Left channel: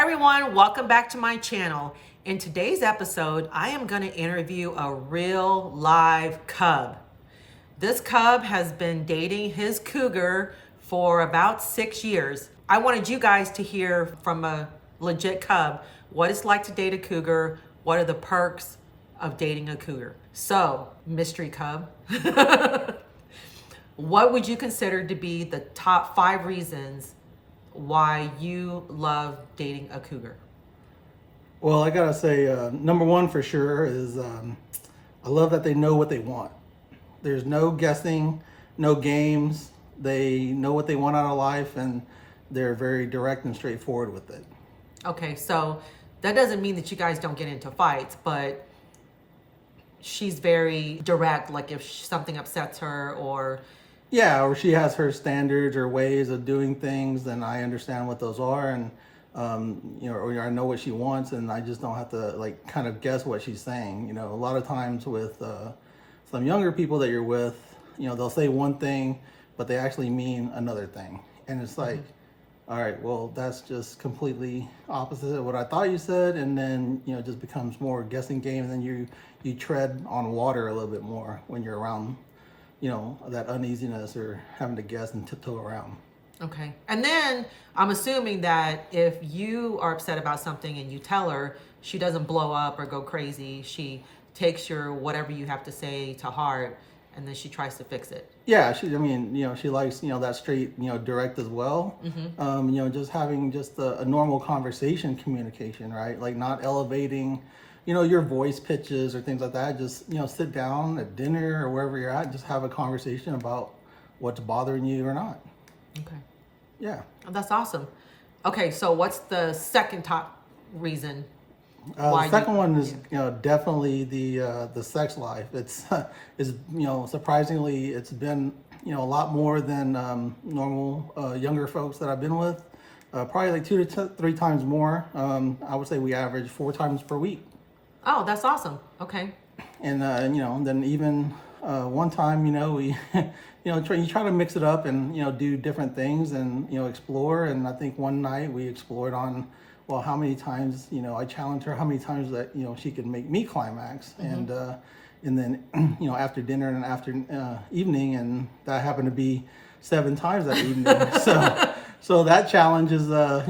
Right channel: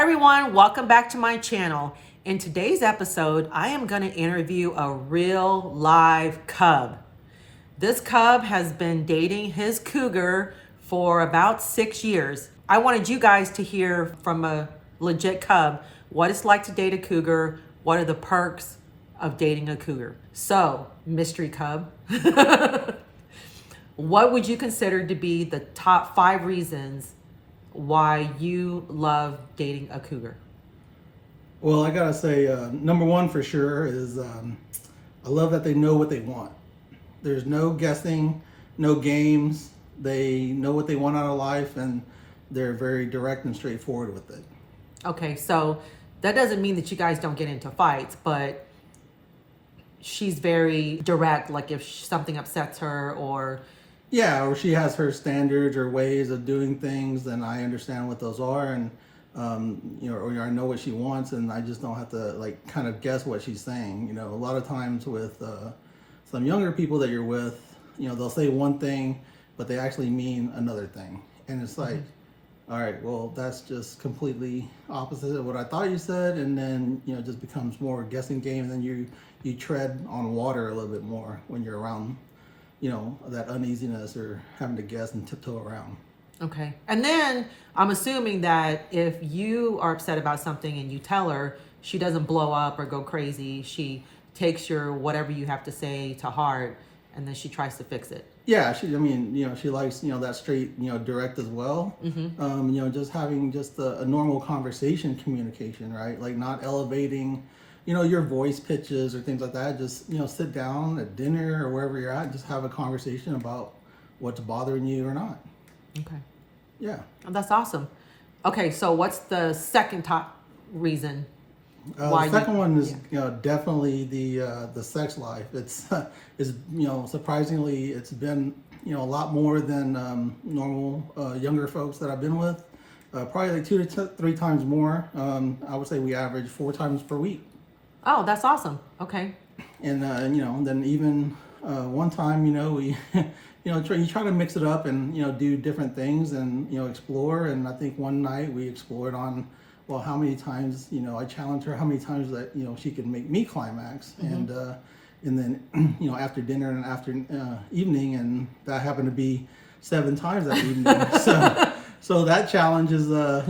everyone, welcome back to my channel. In today's episode, I am going to interview a real live cub. This cub has been dating his cougar for about 6 years. I wanted you guys to hear from a legit cub what it's like to date a cougar, what are the perks of dating a cougar. So, mystery cub, what would you consider to be the top 5 reasons why you love dating a cougar? Well, I gotta say, number one for sure is I love that they know what they want. There's no guessing, no games. They know what they want out of life, and they're very direct and straightforward with it. Okay, so that doesn't mean that you guys don't get into fights, but she's very direct, like if something upsets her or... Yeah, or she has her standards or ways of doing things, and I understand what those are, and or I know what she wants, and I just don't have to like kind of guess what she's saying. You know, a lot of times with some younger people that you're with, they'll say one thing, but they actually mean another thing, and it's like, all right, well, that's just completely opposite of what I thought you said, and then it just becomes more guessing game, and then you tread on water a little bit more when you're around that uneasiness or having to guess and tiptoe around. Okay. And then I'm assuming that if you are upset about something and you tell her, she doesn't blow up or go crazy. She takes your whatever you have to say to heart, and then she tries to fix it. Yeah, she likes, that straight, direct as well. Just having just a normal conversation communication, right? Like not elevating your voice pitches or things like that. Just, sit down at dinner or wherever you're at and just have a conversation about what's bothering you or not. Okay. Yeah. Oh, that's awesome. Okay, so what's the second top reason why the second one is, definitely the sex life. It's, surprisingly, it's been, a lot more than normal younger folks that I've been with. Probably like 2 to 3 times more. I would say we average 4 times per week. Oh, that's awesome. Okay. And then even one time, we, you try to mix it up and do different things and explore. And I think one night we explored on, well, how many times I challenged her how many times that she could make me climax, and then after dinner and after evening, and that happened to be 7 times that evening. So that challenge is that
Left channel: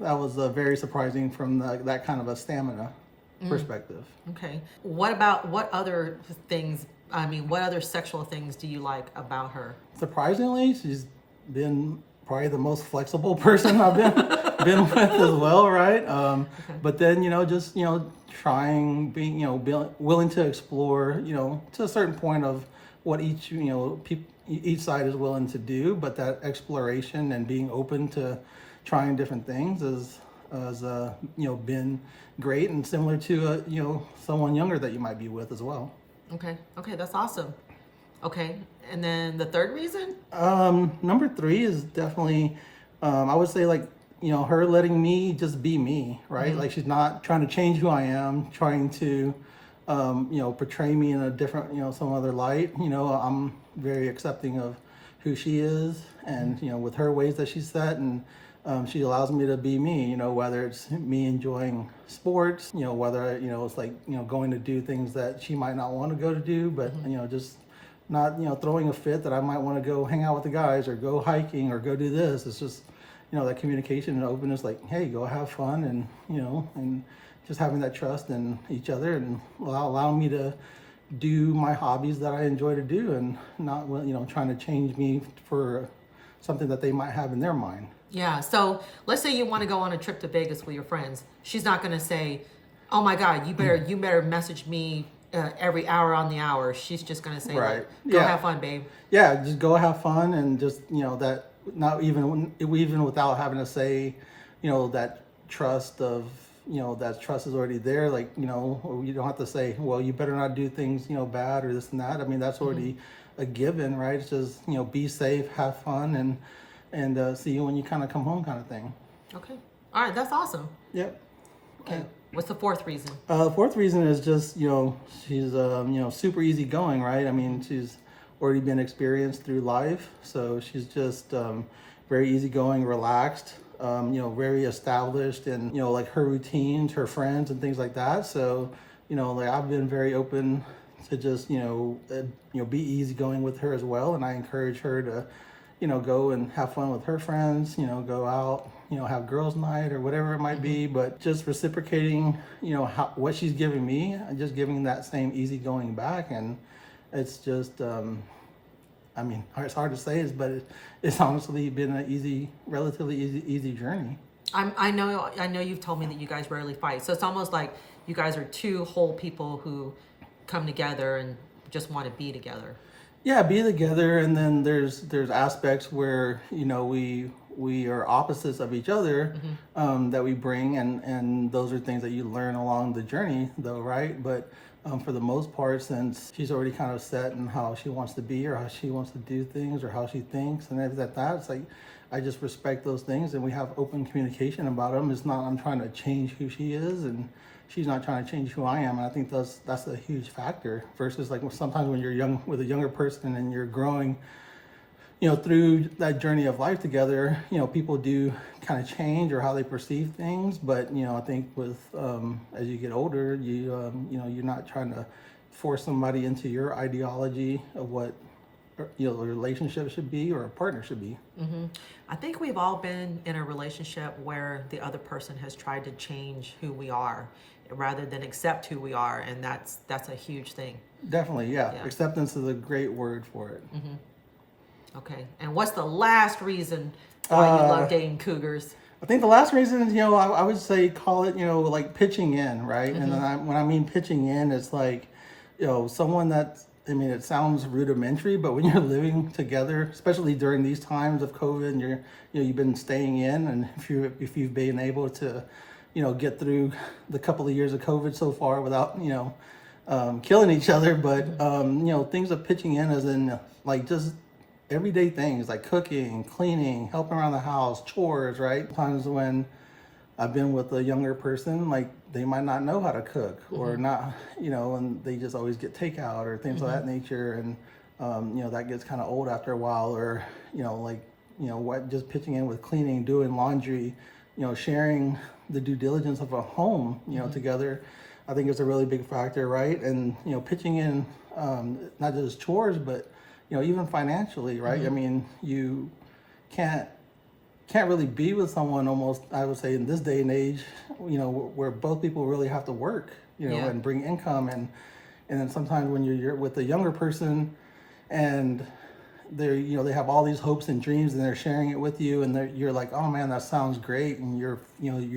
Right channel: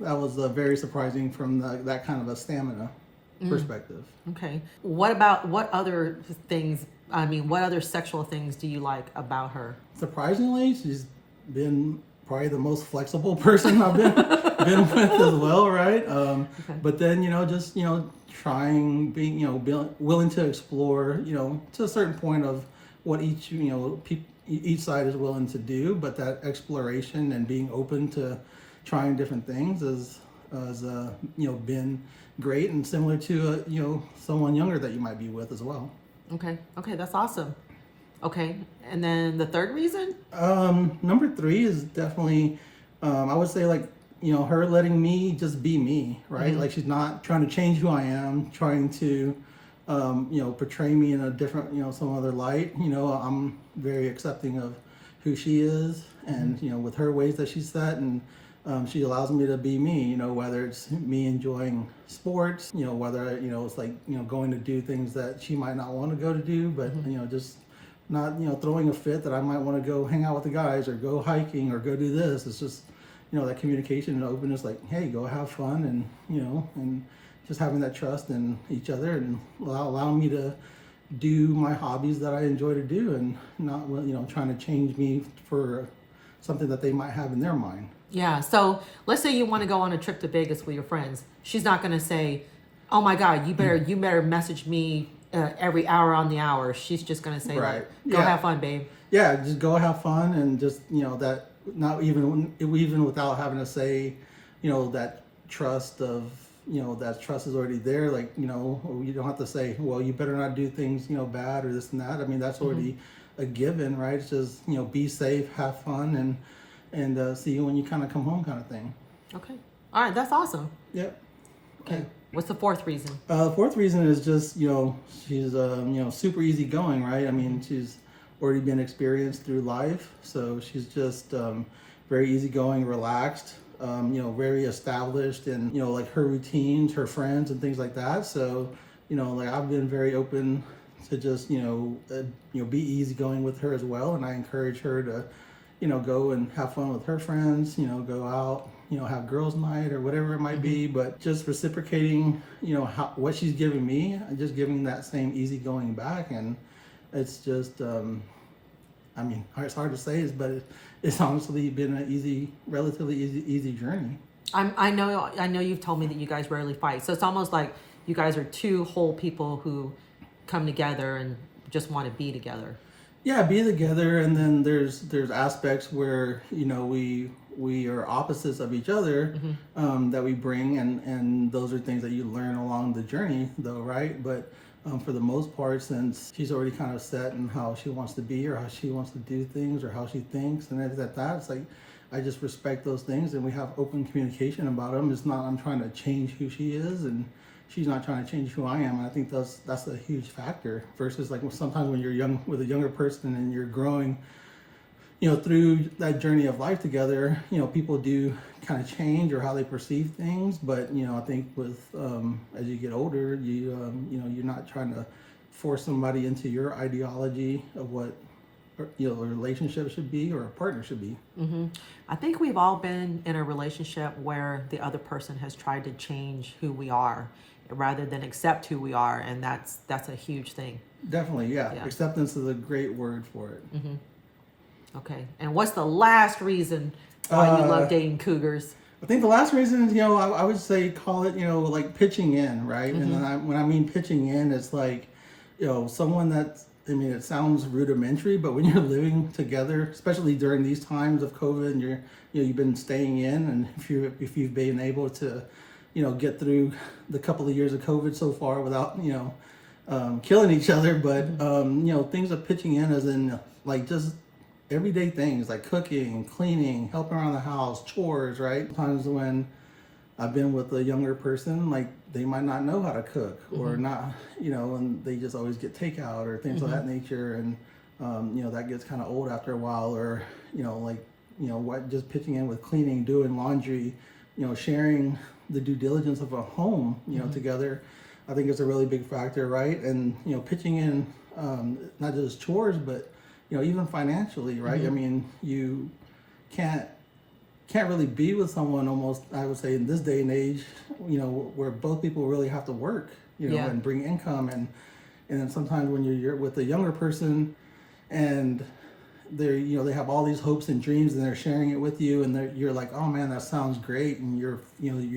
was very surprising from that kind of a stamina perspective. Okay. What other sexual things do you like about her? Surprisingly, she's been probably the most flexible person I've been with as well, right? Okay. But then just trying, being willing to explore, to a certain point of what each each side is willing to do, but that exploration and being open to trying different things has been great, and similar to someone younger that you might be with as well. Okay, that's awesome. Okay, and then the third reason? Number 3 is definitely, I would say, like, her letting me just be me, right? Like she's not trying to change who I am, trying to portray me in a different, some other light. I'm very accepting of who she is, and with her ways that she's set, and she allows me to be me, whether it's me enjoying sports, whether, it's like, going to do things that she might not want to go to do, but, just not, throwing a fit that I might want to go hang out with the guys or go hiking or go do this. It's just, that communication and openness, like, hey, go have fun, and, and just having that trust in each other, and allowing me to do my hobbies that I enjoy to do, and not, trying to change me for something that they might have in their mind. Yeah, so let's say you want to go on a trip to Vegas with your friends. She's not going to say, oh my God, you better message me every hour on the hour. She's just going to say, right. Go have fun, babe. Yeah, just go have fun, and just, that not even without having to say, that trust of, that trust is already there. Like, or you don't have to say, well, you better not do things, bad or this and that. I mean, that's already a given, right? It's just, be safe, have fun, and see you when you kind of come home, kind of thing. Okay. All right. That's awesome. Yep. Okay. What's the fourth reason? The fourth reason is just, she's, super easygoing, right? I mean, she's already been experienced through life. So she's just very easygoing, relaxed. very established and, like her routines, her friends and things like that. So, like I've been very open to just, be easygoing with her as well. And I encourage her to, go and have fun with her friends, go out, have girls' night or whatever it might be, but just reciprocating, what she's giving me and just giving that same easygoing back. And it's just, it's hard to say, but it's honestly been an relatively easy journey. I know you've told me that you guys rarely fight. So it's almost like you guys are two whole people who come together and just want to be together. Yeah, be together, and then there's aspects where we are opposites of each other, that we bring, and those are things that you learn along the journey, though, right? But for the most part, since she's already kind of set in how she wants to be or how she wants to do things or how she thinks, and it's like I just respect those things, and we have open communication about them. It's not I'm trying to change who she is, and she's not trying to change who I am. And I think that's a huge factor versus like sometimes when you're young with a younger person and you're growing, through that journey of life together, people do kind of change or how they perceive things. But, I think with, as you get older, you're not trying to force somebody into your ideology of what, a relationship should be or a partner should be. I think we've all been in a relationship where the other person has tried to change who we are rather than accept who we are. And that's a huge thing. Definitely. Yeah. Acceptance is a great word for it. Okay. And what's the last reason why you love dating cougars? I think the last reason is, I would say call it, like pitching in, right? And then when I mean pitching in, it's like, someone that's, it sounds rudimentary, but when you're living together, especially during these times of COVID, and you've been staying in, and if you've been able to, get through the couple of years of COVID so far without, killing each other, but things of pitching in as in like just everyday things like cooking, cleaning, helping around the house, chores, right? Sometimes when I've been with a younger person, like they might not know how to cook or not, and they just always get takeout or things of that nature. And, that gets kind of old after a while, or, just pitching in with cleaning, doing laundry, sharing the due diligence of a home, together, I think is a really big factor, right? And, pitching in, not just chores, but, even financially, right? You can't really be with someone almost, I would say in this day and age, where both people really have to work, and bring income. And then sometimes when you're with a younger person and they're, they have all these hopes and dreams and they're sharing it with you, and you're like, oh man, that sounds great. And you're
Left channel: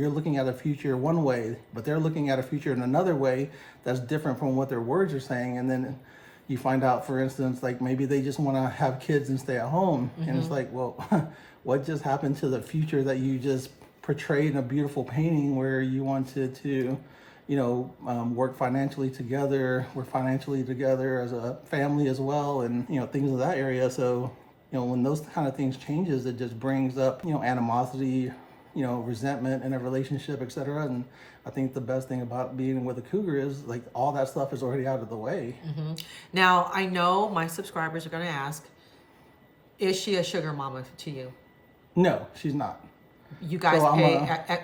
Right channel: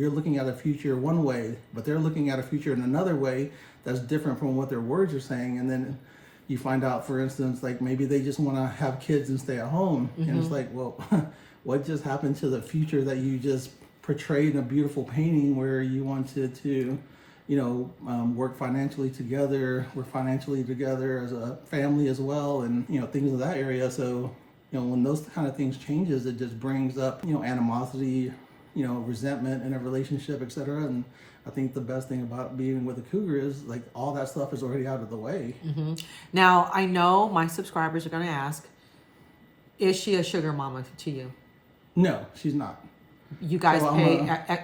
looking at a future one way, but they're looking at a future in another way that's different from what their words are saying. And then you find out, for instance, like maybe they just want to have kids and stay at home. And it's like, well, what just happened to the future that you just portrayed in a beautiful painting where you wanted to, work financially together, we're financially together as a family as well, and, things of that area. So, when those kind of things changes, it just brings up, animosity, resentment in a relationship, etc. And I think the best thing about being with a cougar is like all that stuff is already out of the way. Now, I know my subscribers are going to ask, is she a sugar mama to you? No, she's not. You guys pay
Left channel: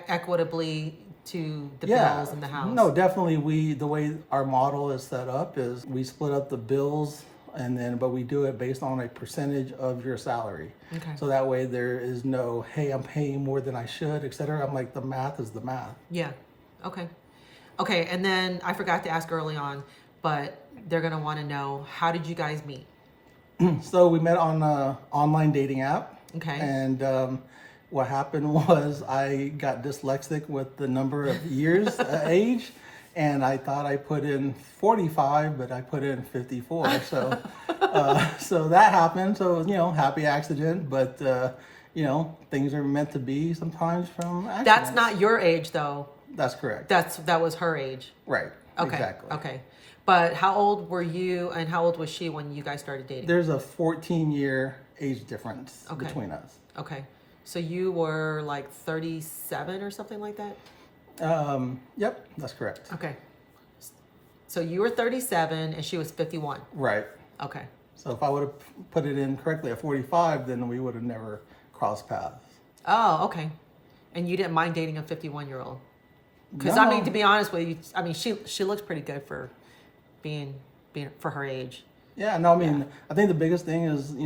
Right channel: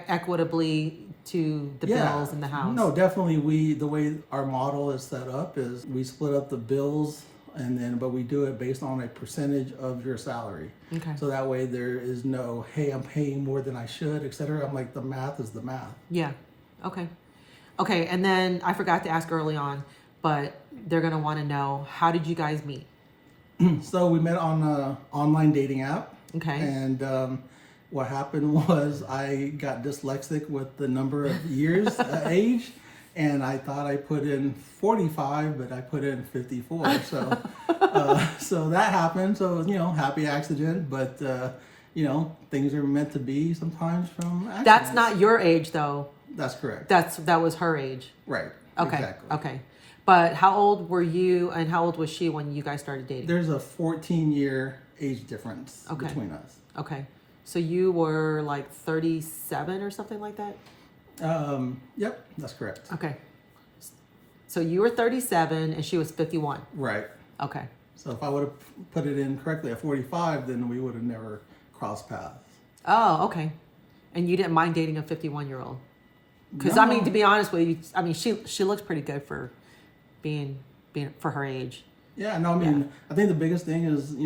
equitably to the bills in the house? No, definitely. The way our model is set up is we split up the bills, but we do it based on a percentage of your salary. Okay. So that way there is no, hey, I'm paying more than I should, etc. I'm like, the math is the math. Yeah. Okay. Okay. And then I forgot to ask early on, but they're going to want to know, how did you guys meet? So we met on an online dating app. Okay. And what happened was I got dyslexic with the number of years age, and I thought I put in 45, but I put in 54. So so that happened. So, happy accident, but, things are meant to be sometimes from accidents. That's not your age, though. That's correct. That was her age. Right. Okay. Exactly. Okay. But how old were you and how old was she when you guys started dating? There's a 14-year age difference between us. Okay. So you were like 37 or something like that? Yep, that's correct. Okay. So you were 37 and she was 51. Right. Okay. So if I would have put it in correctly at 45, then we would have never crossed paths. Oh, okay. And you didn't mind dating a 51-year-old? Because No. I mean, to be honest with you, I mean, she looks pretty good for being for her age. Yeah, no, I mean, I think the biggest thing is,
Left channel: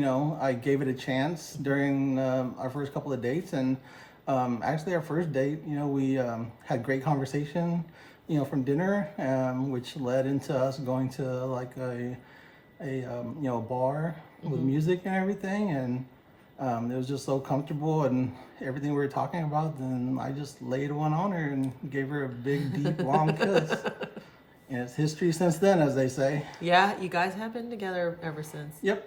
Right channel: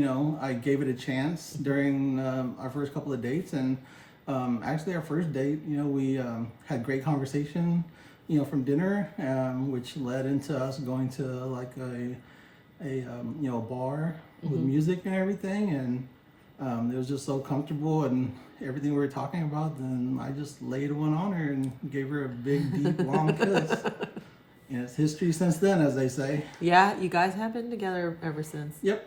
I gave it a chance during our first couple of dates. And actually, our first date, we had great conversation, from dinner, which led into us going to like a bar with music and everything. And it was just so comfortable and everything we were talking about. Then I just laid one on her and gave her a big, deep, long kiss. And it's history since then, as they say. Yeah, you guys have been together ever since. Yep.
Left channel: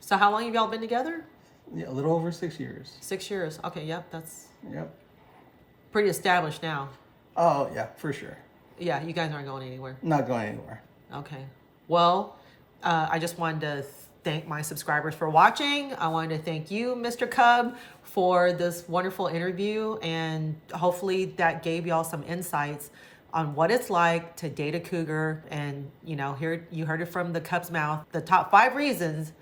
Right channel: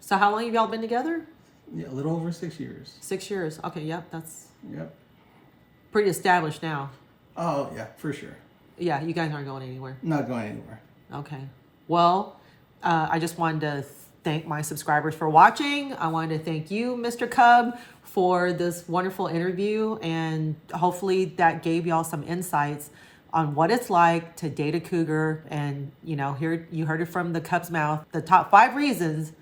So how long have y'all been together? Yeah, a little over 6 years. 6 years. Okay, yep, that's Yep. pretty established now. Oh, yeah, for sure. Yeah, you guys aren't going anywhere. Not going anywhere. Okay. Well, I just wanted to thank my subscribers for watching. I wanted to thank you, Mr. Cub, for this wonderful interview. And hopefully that gave y'all some insights on what it's like to date a cougar. And, here you heard it from the Cub's mouth, the top 5 reasons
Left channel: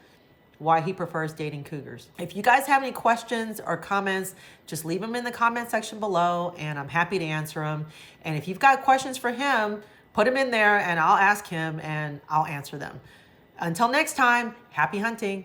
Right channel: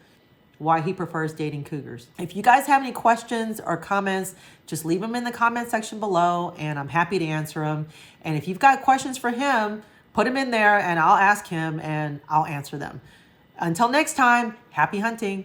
why he prefers dating cougars. If you guys have any questions or comments, just leave them in the comment section below and I'm happy to answer them. And if you've got questions for him, put them in there and I'll ask him and I'll answer them. Until next time, happy hunting.